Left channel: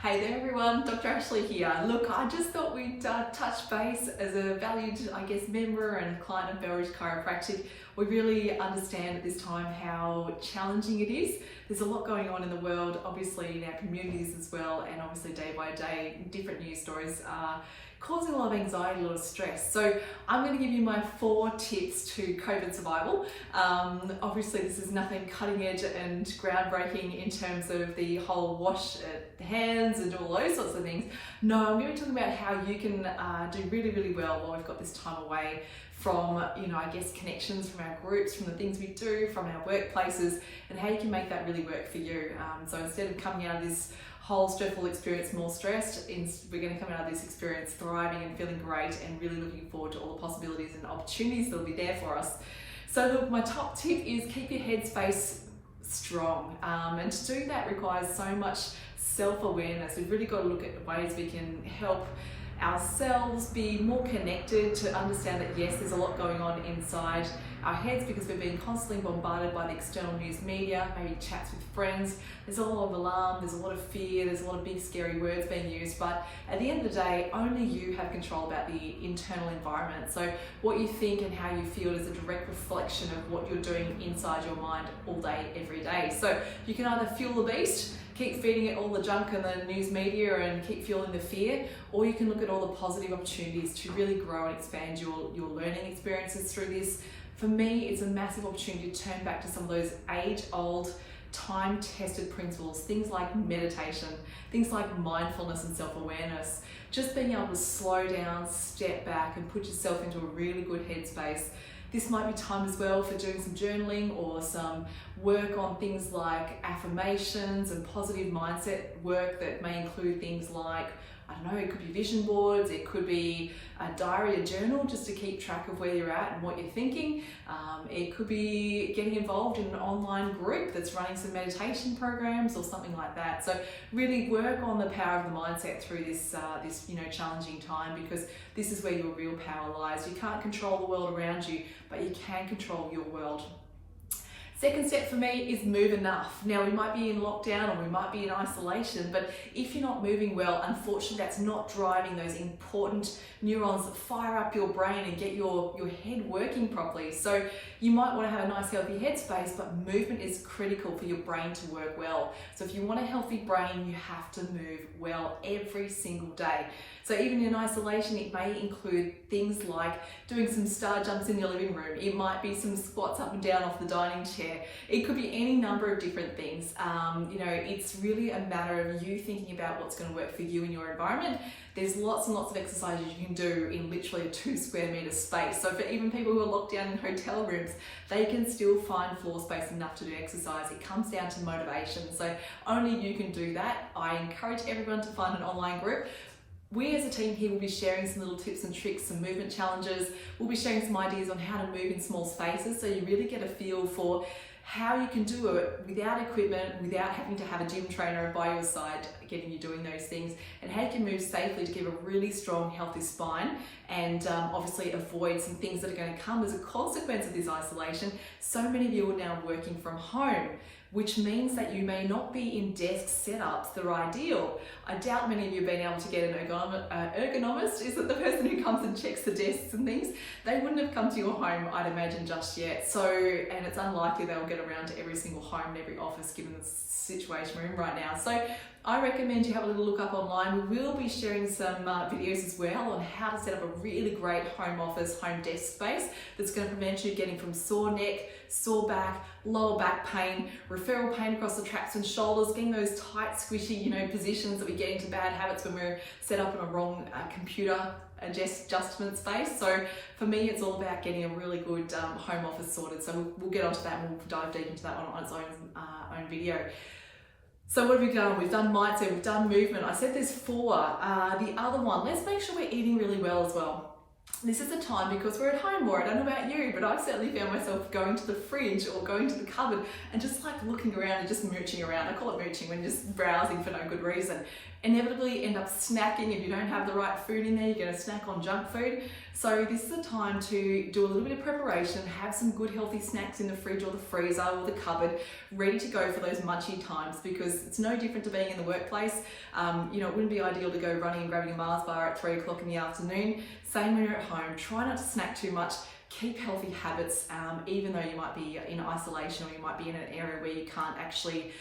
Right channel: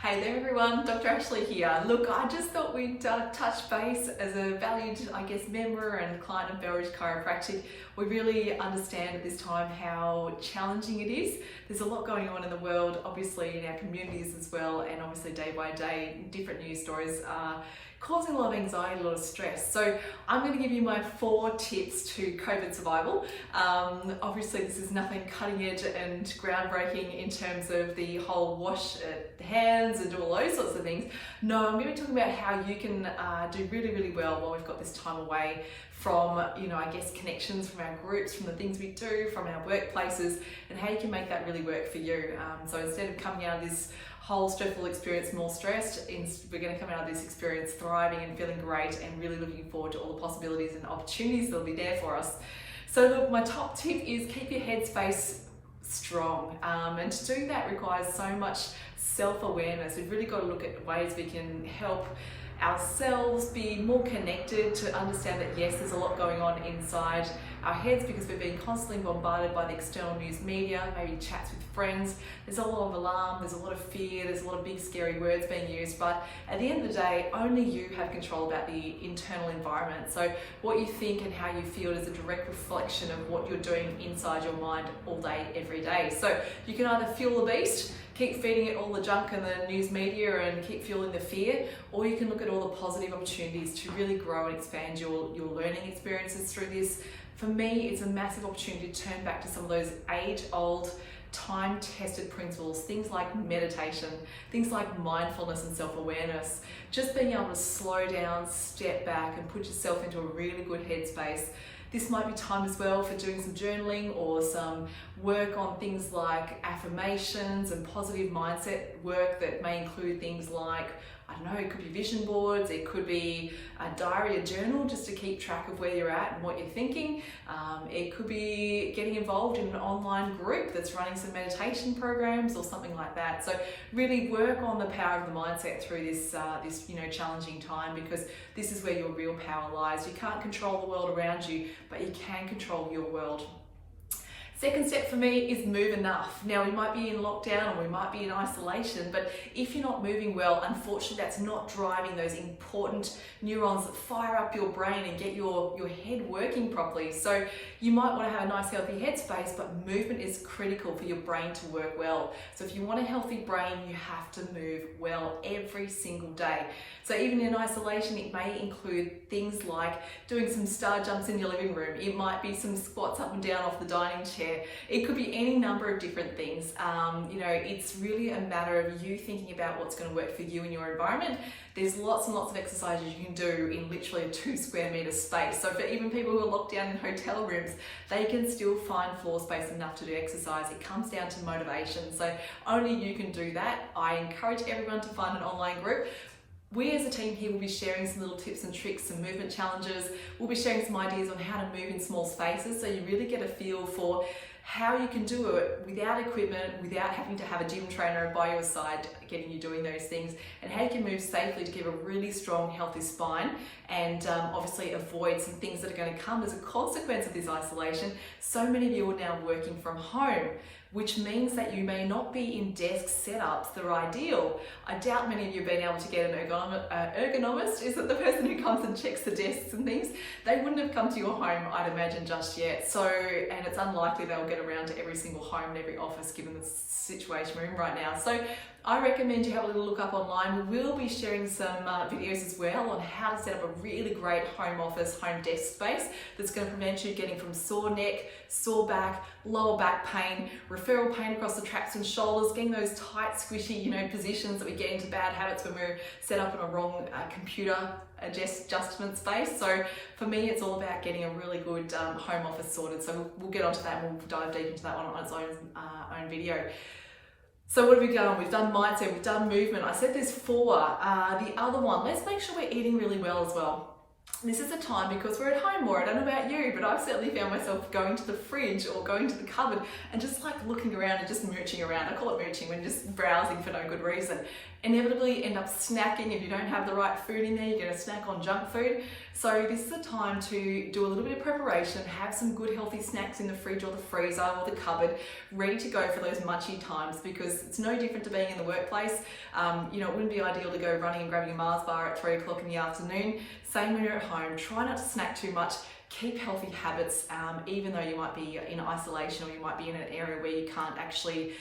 Hey there everyone, Dr. Ashley here. Look, I just thought we'd touch base as a valued, member and client of Belridge Chiropractic. We really understand at this time how challenging it is. There's a lot going on in the world, obviously in our communities as well, and obviously day by day, different news stories are causing a lot of anxiety, a lot of stress. So I'm going to give you my 4 tips to COVID survival. Obviously this is nothing cutting edge and groundbreaking in terms of the whole wash hands and all those sorts of things. No, I'm going to be talking about how you can do really, really well while we've got this time away from, connections from our groups, from the things we do, from our workplaces, and how you can make that really work for you. So instead of coming out of this whole stressful experience more stressed, we're going to come out of this experience thriving and feeling great and really looking forward to all the possibilities and opportunities that'll be there for us. So look, my top tip is keep your headspace strong, and to do that requires so much self-awareness. We've really got to look at ways we can help ourselves be more connected, to understand that yes, there's a lot going on inside our heads because we're being constantly bombarded by the external news media, maybe chats with friends. There's a lot of alarm, there's a lot of fear, there's a lot of big scary words being used, but at the end of the day, only you have control about the internal environment. So what you think and how you feel is a direct reflection of what you're doing inside your mind all day, every day. So you can either fuel the beast, keep feeding it all the junk and the news media and keep fueling the fear, or you can look at all the positive opportunities to really grow and expand your learning experiences through this. For me, it's a massive opportunity to turn back to some of those age-old, time-tested principles, things like meditation, things like mindfulness and self-awareness, just being able to slow down, step back and put yourself into a really good headspace. This might be time as well for doing some journaling or some work on things like affirmations and positive mindset work that may include things like, it could be vision boards, it could be a diary, a journal, just to keep track of where you're at and what you're thinking. It could be getting involved in an online group that's running some meditation programs or something like that. So really work on the power of the mindset through this challenging time, because this is where your real power lies. You can't control the world around you, but you can control your world. Second step for me is move enough. Now, we might be in lockdown or we might be in isolation, but if you're not moving well, unfortunately, that's not driving those important neurons that fire up your brain and get your head working properly. So you might want to have a nice healthy headspace, but movement is critical for your brain to work well. So if you want a healthy brain, you have to move well every single day. So even in isolation, it may include things like doing some star jumps in your living room. It might be some squats up and down off the dining chair. It could be any number of different things. It's really a matter of you thinking about what's going to work for you in your environment. There's lots and lots of exercises you can do in literally a 2 square meter space. So for even people who are locked down in hotel rooms, they can still find floor space enough to do exercise. It comes down to motivation. So only you can do that. I encourage everyone to find an online group. We as a team here will be sharing some little tips and tricks, some movement challenges. We'll be sharing some ideas on how to move in small spaces, so you really get a feel for how you can do it without equipment, without having to have a gym trainer by your side getting you doing those things, and how you can move safely to give a really strong, healthy spine, and obviously avoid some things that are going to come as a consequence of this isolation. So many of you are now working from home, which means that you may not be in desk setups that are ideal. I doubt many of you have been able to get an ergonomist. Is it the person who comes and checks the desks and things? They wouldn't have come to your home, I'd imagine, just yet. And it's unlikely they'll get around to every single home and every office given the situation we're in right now. So I recommend you have a little look up online. We will be sharing some videos as well on how to set up a really great home office, home desk space that's going to prevent you getting from sore neck, sore back, lower back pain, referral pain across the traps and shoulders, getting those tight, squishy, positions that we get into bad habits when we're set up in a wrong computer adjustment space. So for me, it's all about getting a really good home office sorted. So we'll get onto that and we'll dive deep into that one on its own video. So what have we done? We've done mindset, we've done movement. I said there's 4. The other one, let's make sure we're eating really well as well. this is the time, because we're at home more. I don't know about you, but I've certainly found myself going to the fridge or going to the cupboard and just like looking around and just mooching around. I call it mooching when just browsing for no good reason. Inevitably end up snacking. If you don't have the right food in there, you're going to snack on junk food. So this is the time to do a little bit of preparation, have some good healthy snacks in the fridge or the freezer or the cupboard, ready to go for those munchy times, because it's no different to being in the workplace. You know, it wouldn't be ideal to go running and grabbing a Mars bar at 3 o'clock in the afternoon. Same when you're at home. Try not to snack too much. Keep healthy habits, even though you might be in isolation or you might be in an area where you can't actually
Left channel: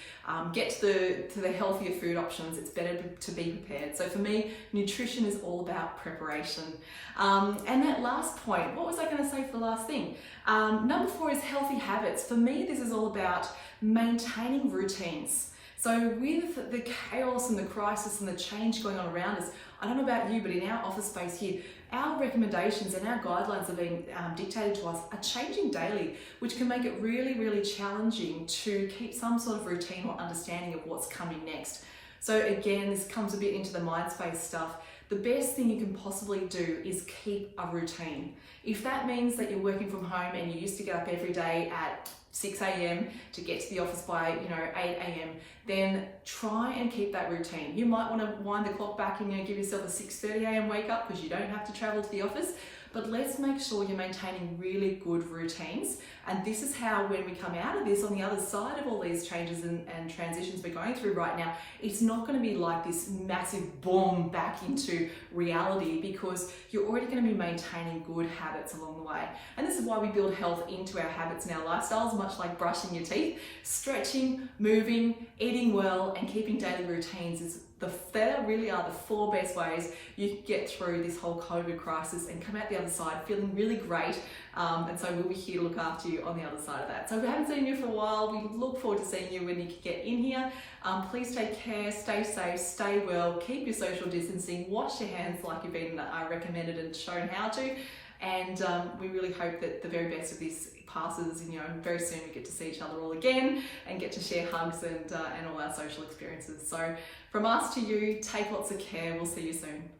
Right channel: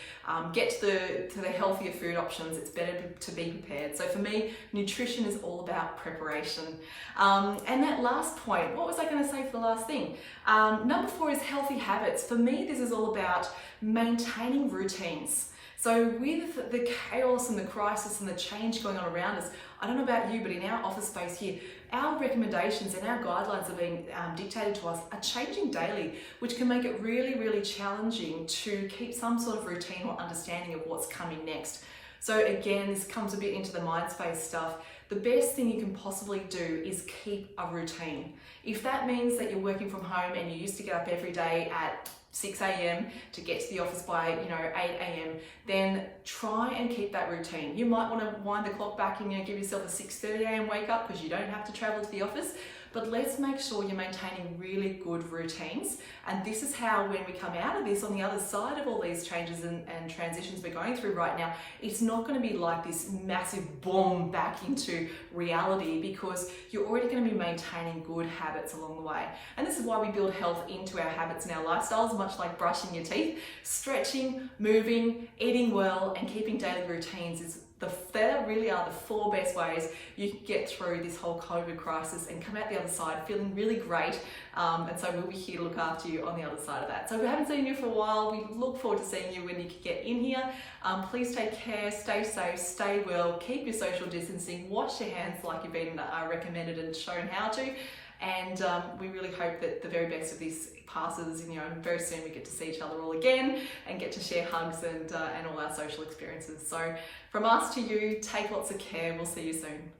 get to the healthier food options. It's better to be prepared. So for me, nutrition is all about preparation. And that last point, what was I going to say for the last thing? Number 4 is healthy habits. For me, this is all about maintaining routines. So with the chaos and the crisis and the change going on around us, I don't know about you, but in our office space here, our recommendations and our guidelines are being dictated to us are changing daily, which can make it really, really challenging to keep some sort of routine or understanding of what's coming next. So again, this comes a bit into the mind space stuff. The best thing you can possibly do is keep a routine. If that means that you're working from home and you used to get up every day at 6 a.m. to get to the office by 8 a.m. then try and keep that routine. You might want to wind the clock back and give yourself a 6:30 a.m. wake up because you don't have to travel to the office. But let's make sure you're maintaining really good routines. And this is how, when we come out of this, on the other side of all these changes and transitions we're going through right now, it's not going to be like this massive boom back into reality, because you're already going to be maintaining good habits along the way. And this is why we build health into our habits and our lifestyles, much like brushing your teeth. Stretching, moving, eating well, and keeping daily routines is they really are the 4 best ways you can get through this whole COVID crisis and come out the other side feeling really great. And so we'll be here to look after you on the other side of that. So if we haven't seen you for a while, we look forward to seeing you when you get in here. Please take care, stay safe, stay well, keep your social distancing, wash your hands like you've been recommended and shown how to. And we really hope that the very best of this passes, and very soon we get to see each other all again and get to share hugs and all our social experiences. So from us to you, take lots of care. We'll see you soon.